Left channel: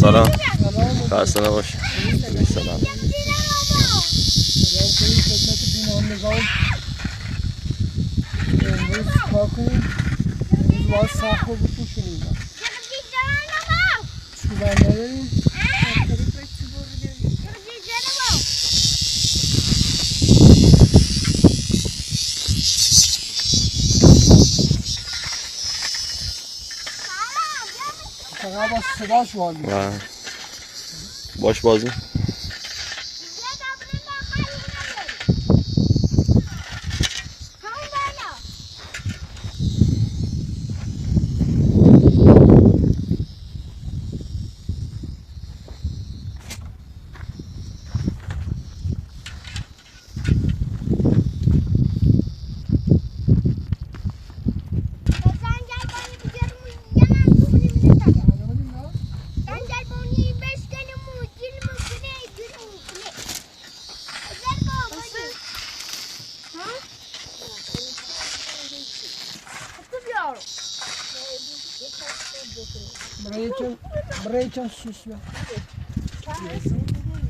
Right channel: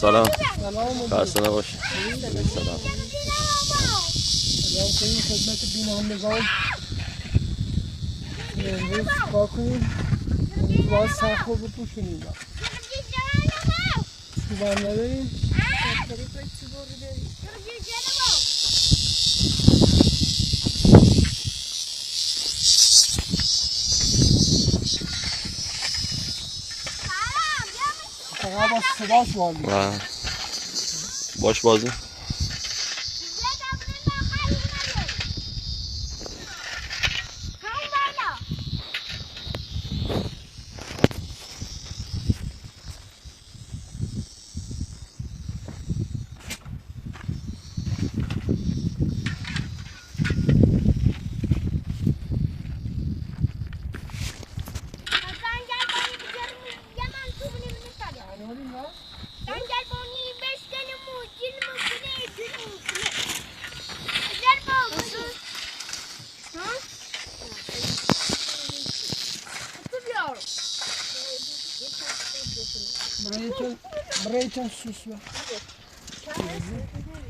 سلام. خسته نباش. سلام. کنیم خدمت بینندگان امروز کار کنیم. امروز باید سخت رو بپوشونیم. چوبان نداریم. فقط با صداش بازی. باش بازی. Breaking sus ver.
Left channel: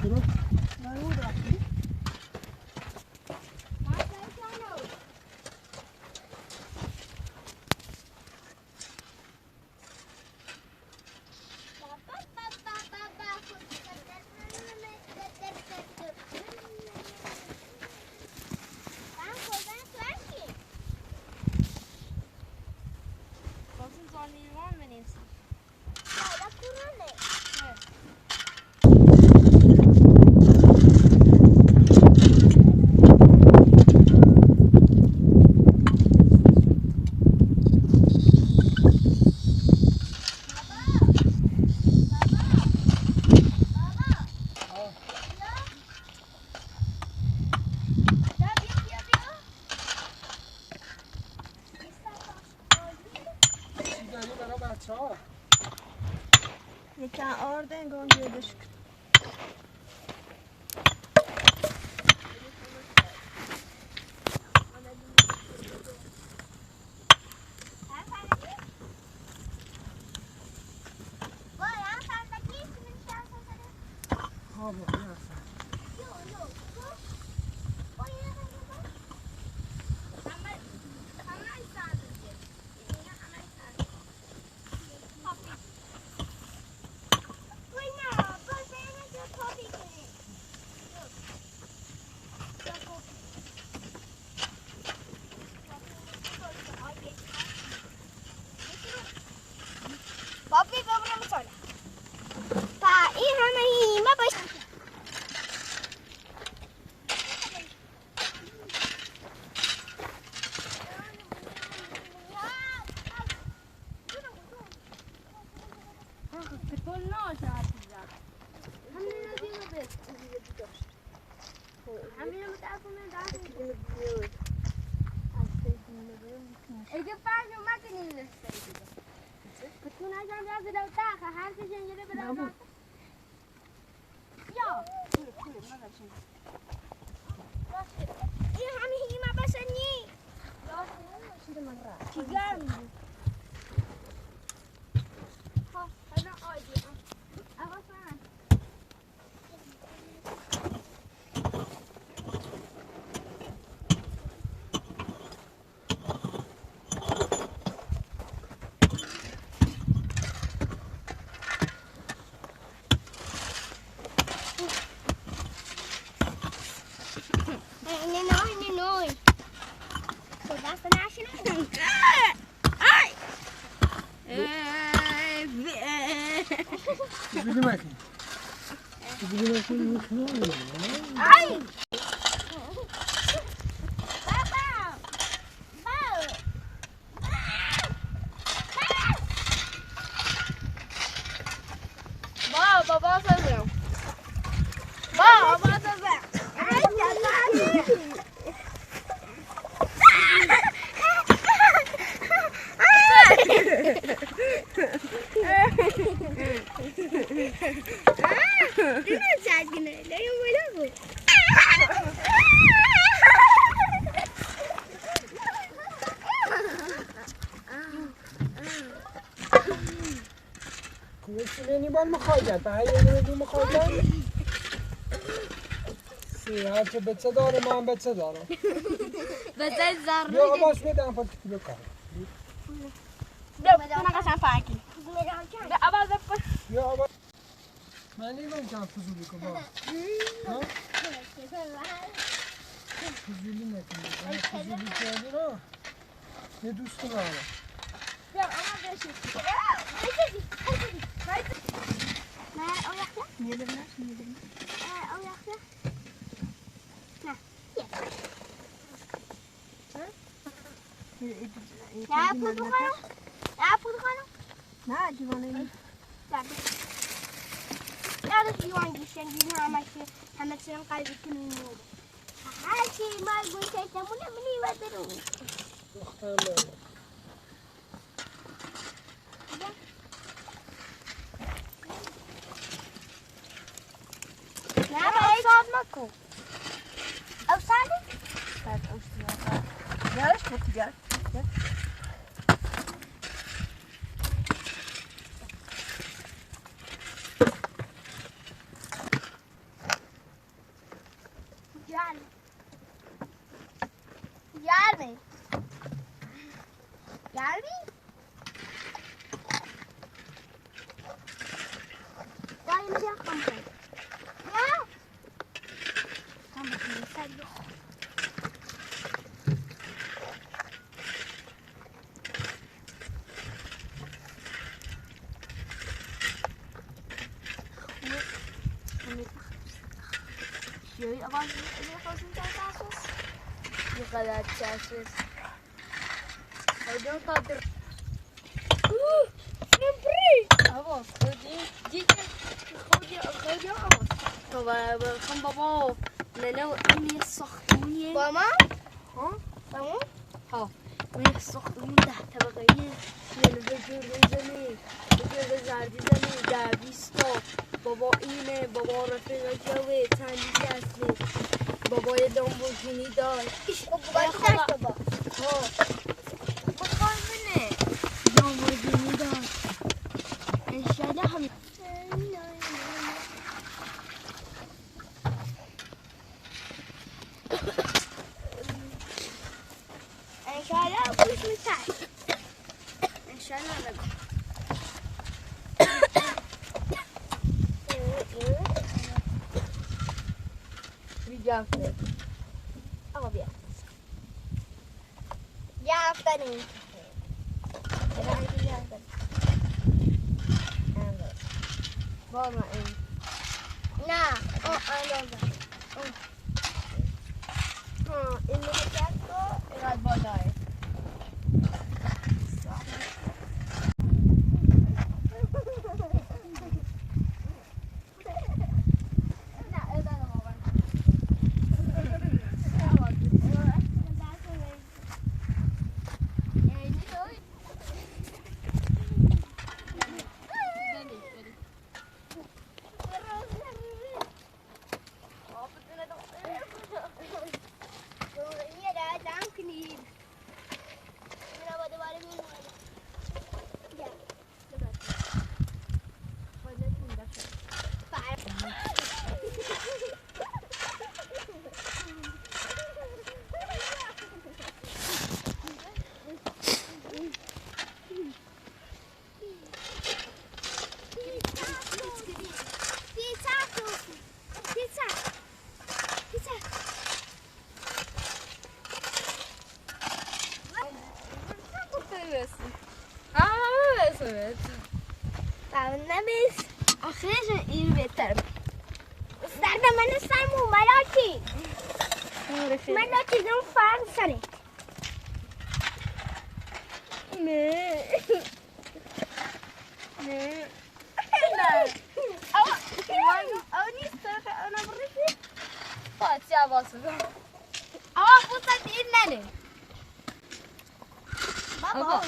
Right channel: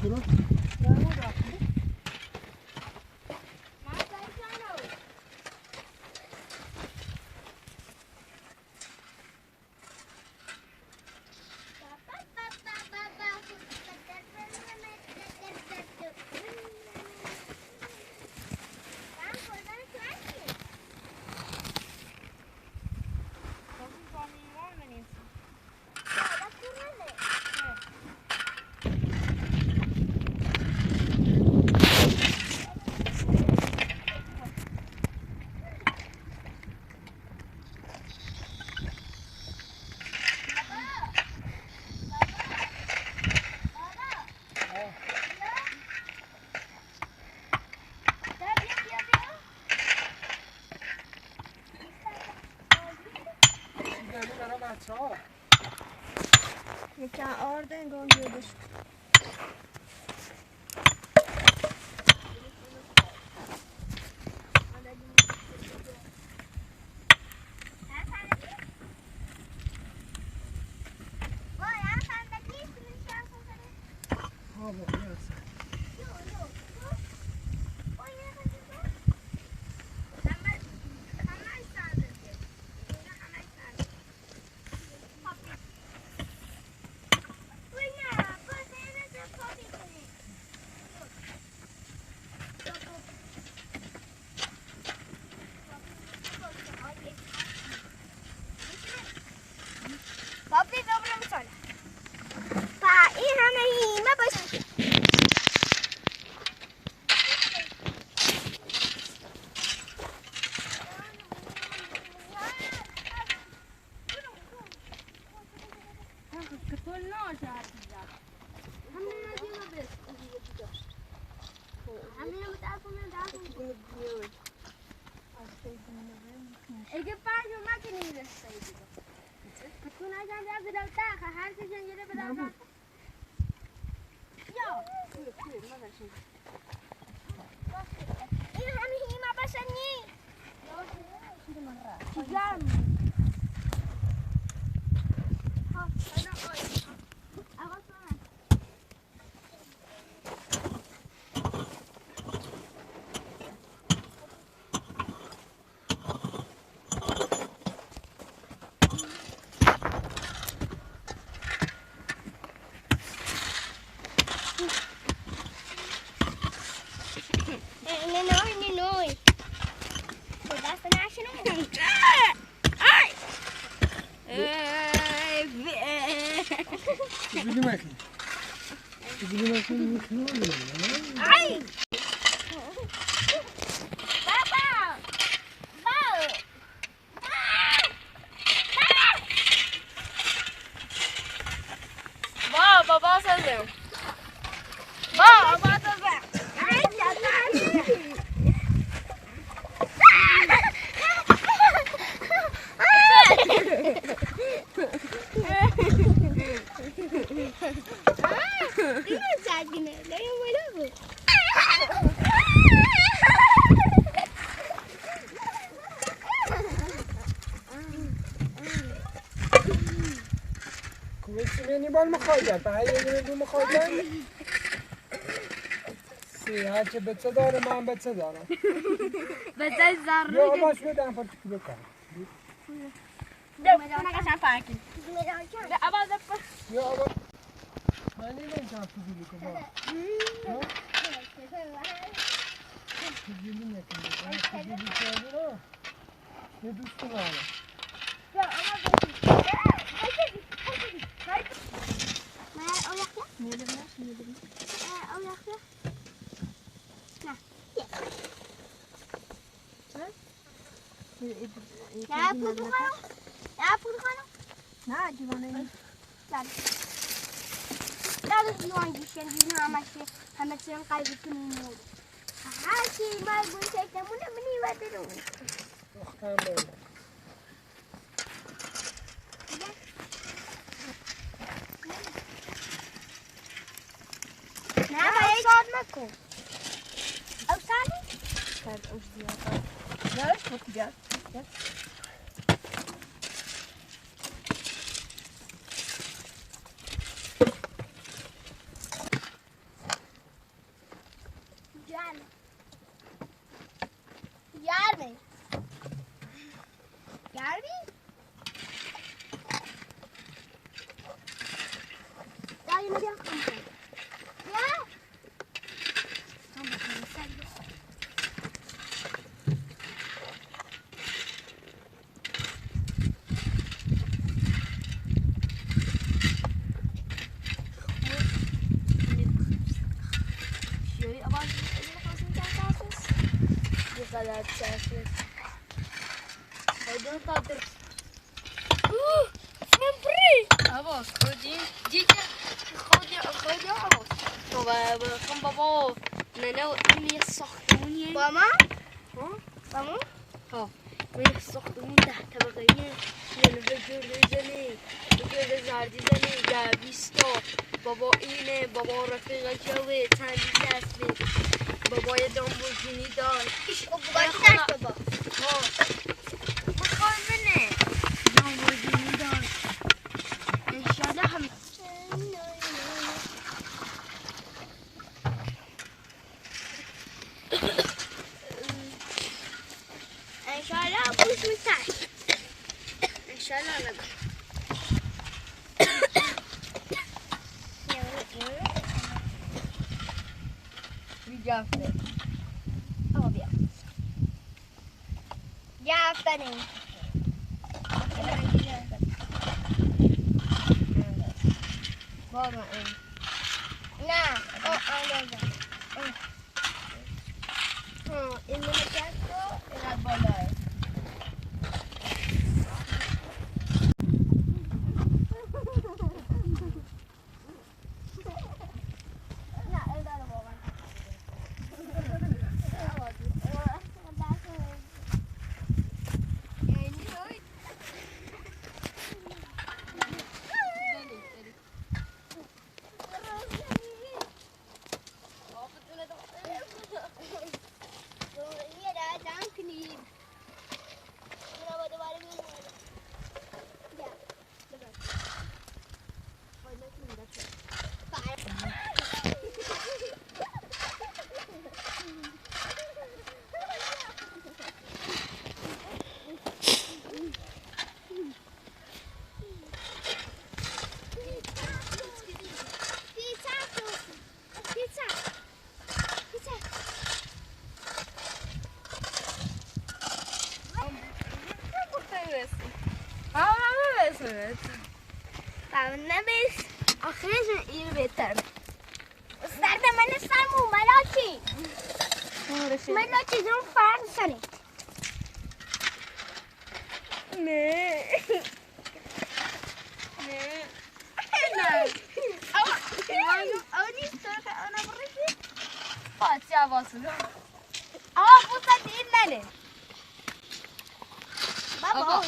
Şunu. Yeken oradan gönderdik. Papi, dobra مساله. Pa این همه هیمه باشه. اگه پاجو ماکنی نمی‌رسید. بتون ازن جاز لو تاخه هر چی جنگله بدن. یا. این همه هیما بسنی. چیکار؟ Noi. Podaste national. Ai! Baba söylüyorum. Baba söylüyorum. Beni ben mi koyacağım? Ben yemeğimi mi koyacağım? هرچه بچه داره من بچه دارم بچه زر بیا باش بدم پا تو بکن بیا اون قشنگ فرقی به اول بپر بیا آبا من نمیدونم فضولی کن بابا فضولی نکن فضولی کردی نه یه دوست دارم نه دیوانه نیست همه چیم قلبی کنیم هر چی ما گوشه نمونه منی و درون دخترم بابا نه باید شاد مکن او سالی؟ بعد اوشتیات یارش بکجد غلط شاشش خودم قدر عباس خودی دیگه خودی عباس بخون بابا نه این یه ساختمونیه با من؟ ها؟ با من؟ ها این یه ساختمون 10 طبقه‌ایه یعنی به جلوی زنی به جلوی زردی زنی 10-20 تا بابا اینه بابا رفیق جوه چندی هستی بابا یه لامبورگینی داشت بابا کی داشت بابا؟ ها بخواه بینه لامبورگینی داشت انشالله هم انشالله خوش میتر انشالله نگو بیجافته بیا یافتنی بابا این نه این نکرد تو اینقدر بالاه نمیست آخرش اینو بهتر سر به من سرمو ملاکی ملاکی جون فرق سره نه نه نه او نیست که انا بریشی فاتی عباس بوسه دیر نده بابا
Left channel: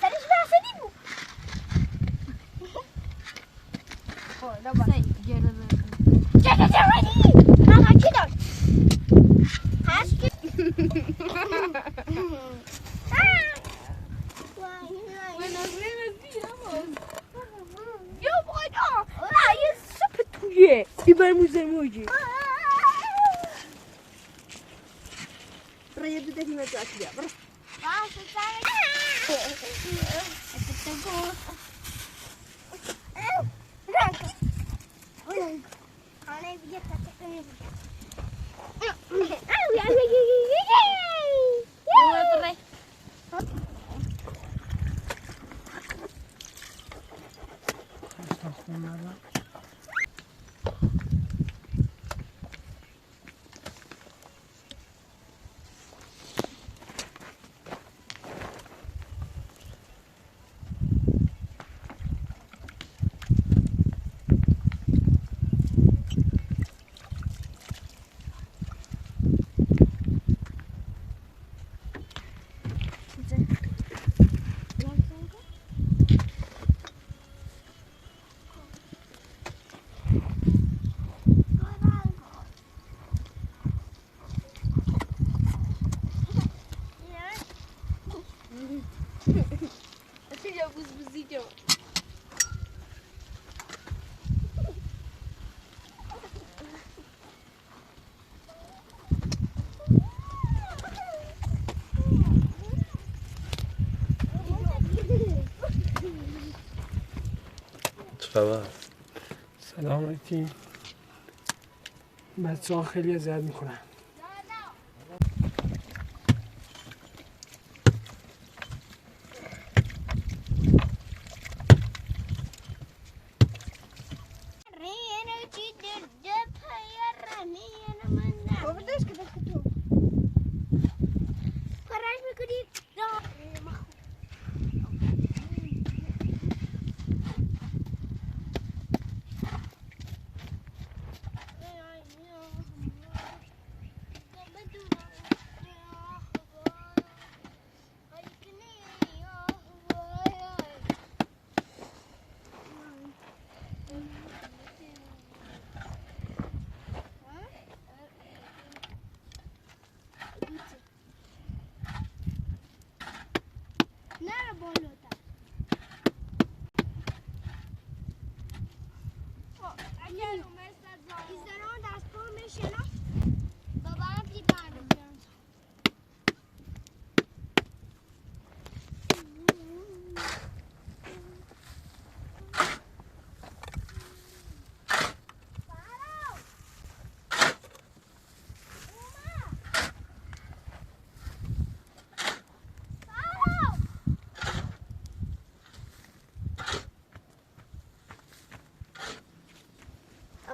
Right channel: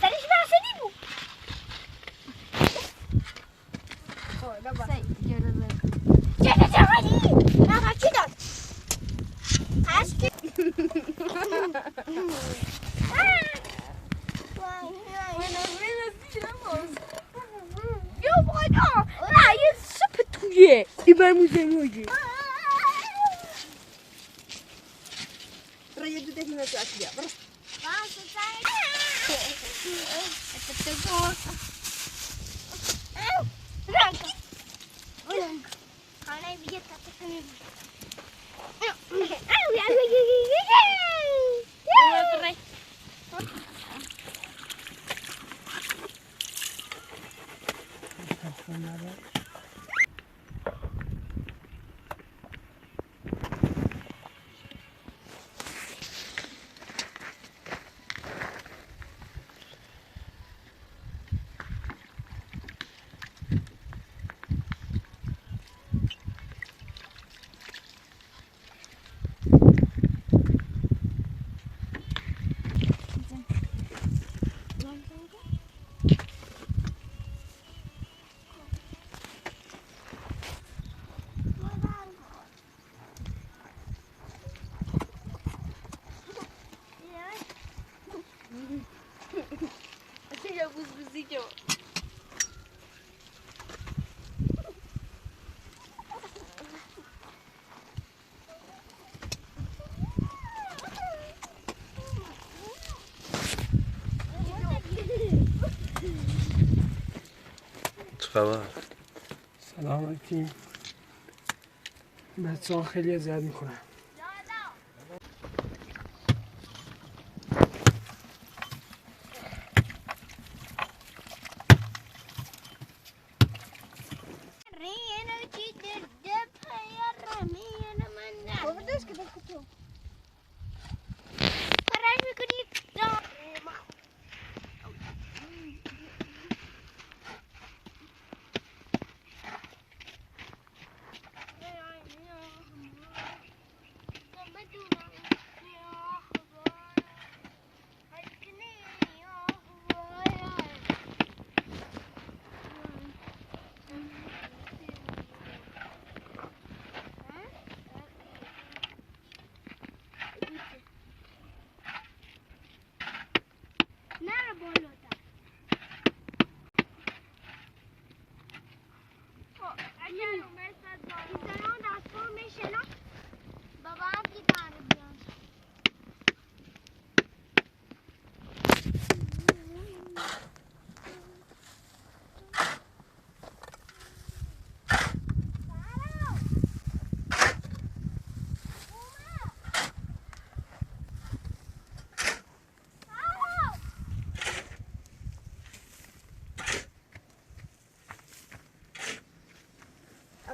سرش بحثی بود ريدو ده هنا تأكل برا Aceea buzbuzică. چه خبر؟ سلام علیکم. بچه ها خیلی اذیت میکنن.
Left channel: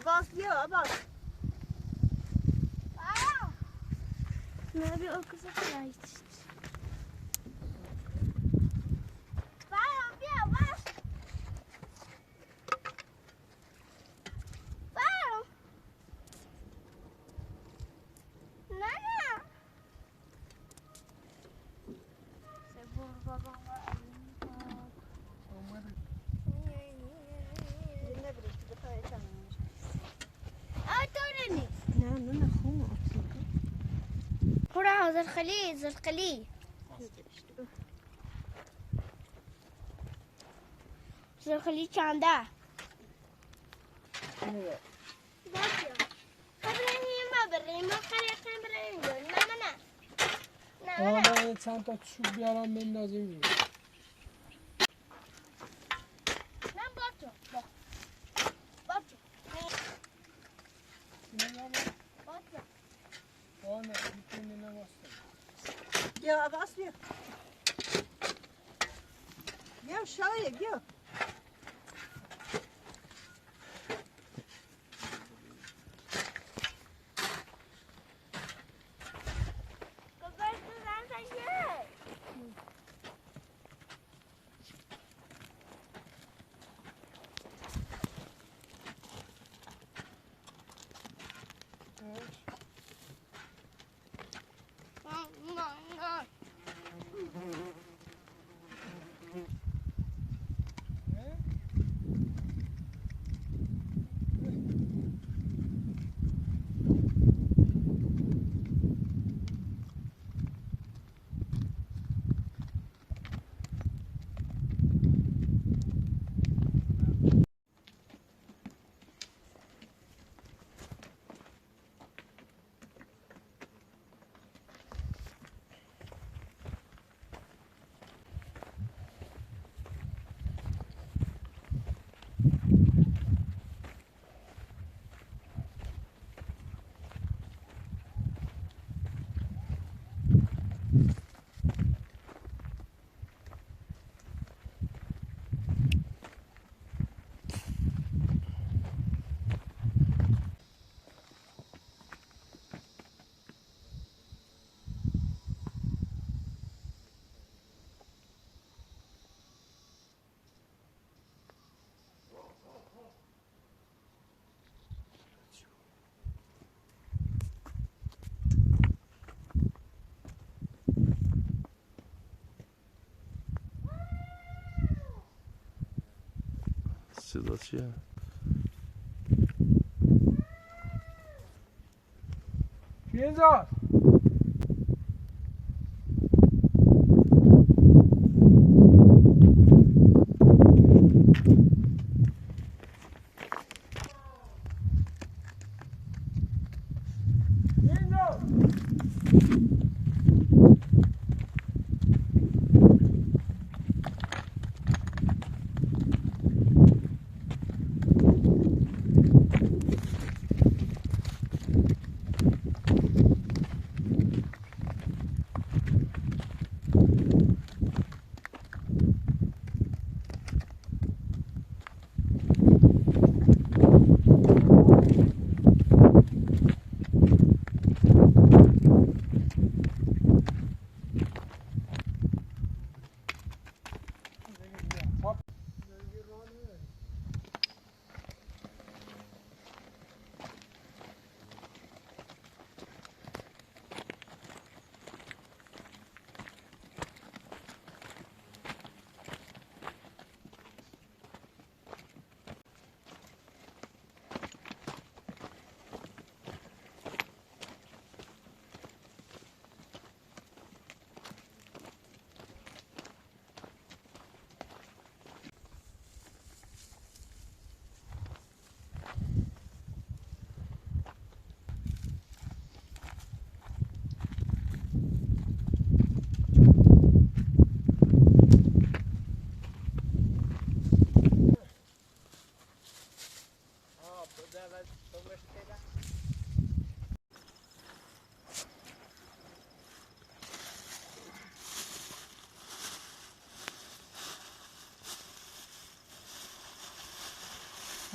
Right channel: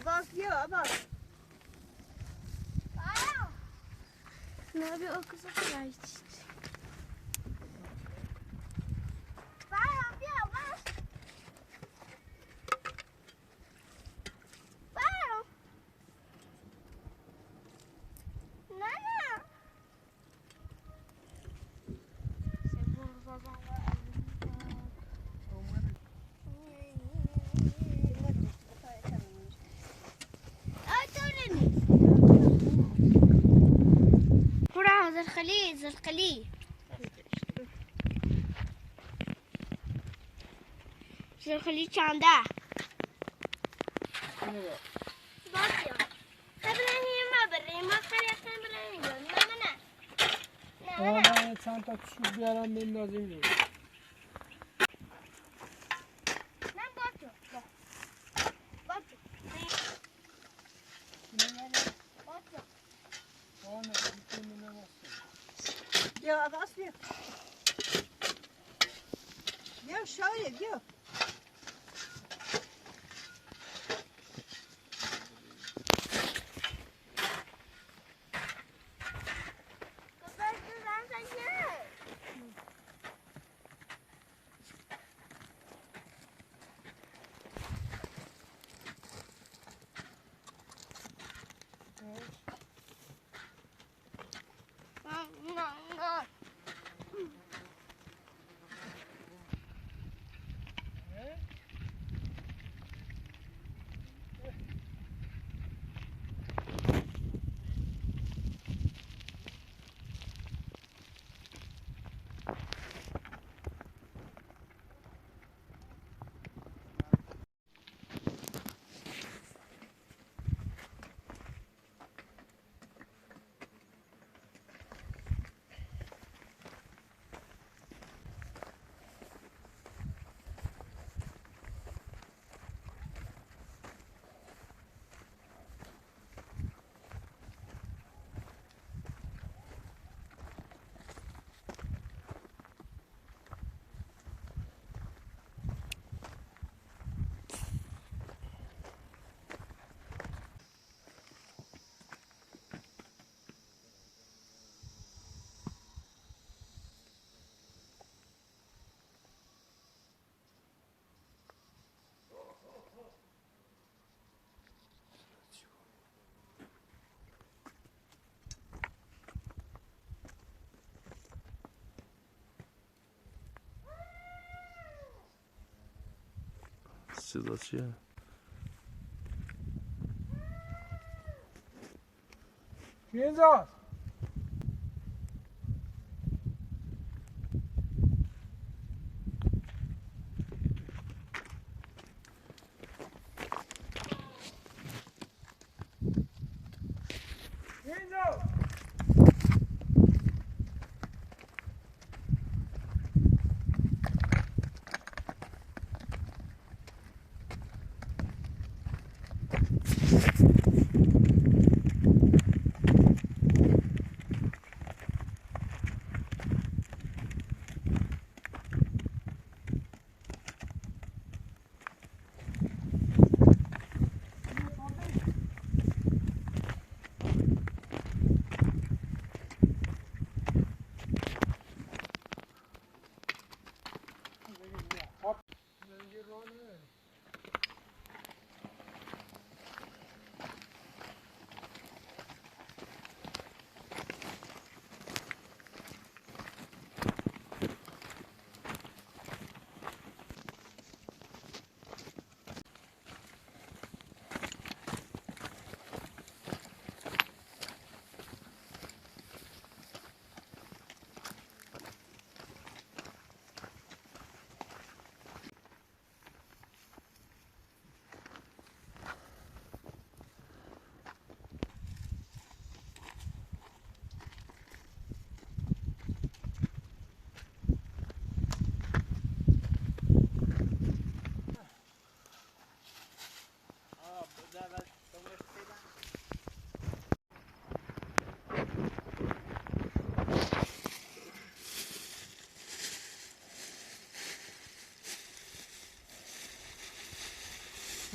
Abbas diyor Abbas. Ne yapıyor o kıza kıraç? زرقلي زرقلي چنده باشه قبلا ما بریم ما خریدن بریم نه من چند تا چوب بیارم بندازیم. من باشه Gel Abbas diyor. Gel şöyle gel. صدا چیه؟ کی اینجاست؟ کی اینجاست؟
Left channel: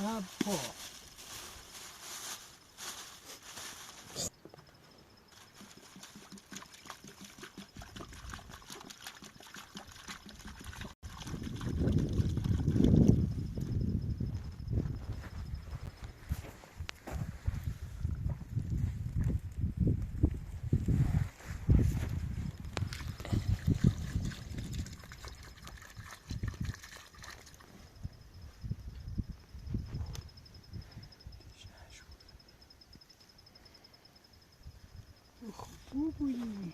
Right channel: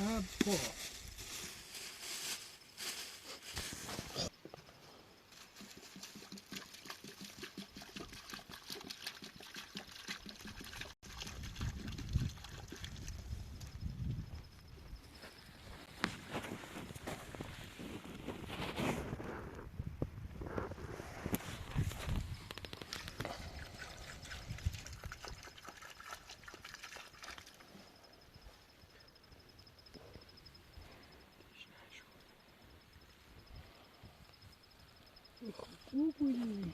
Abo. خوب بودی.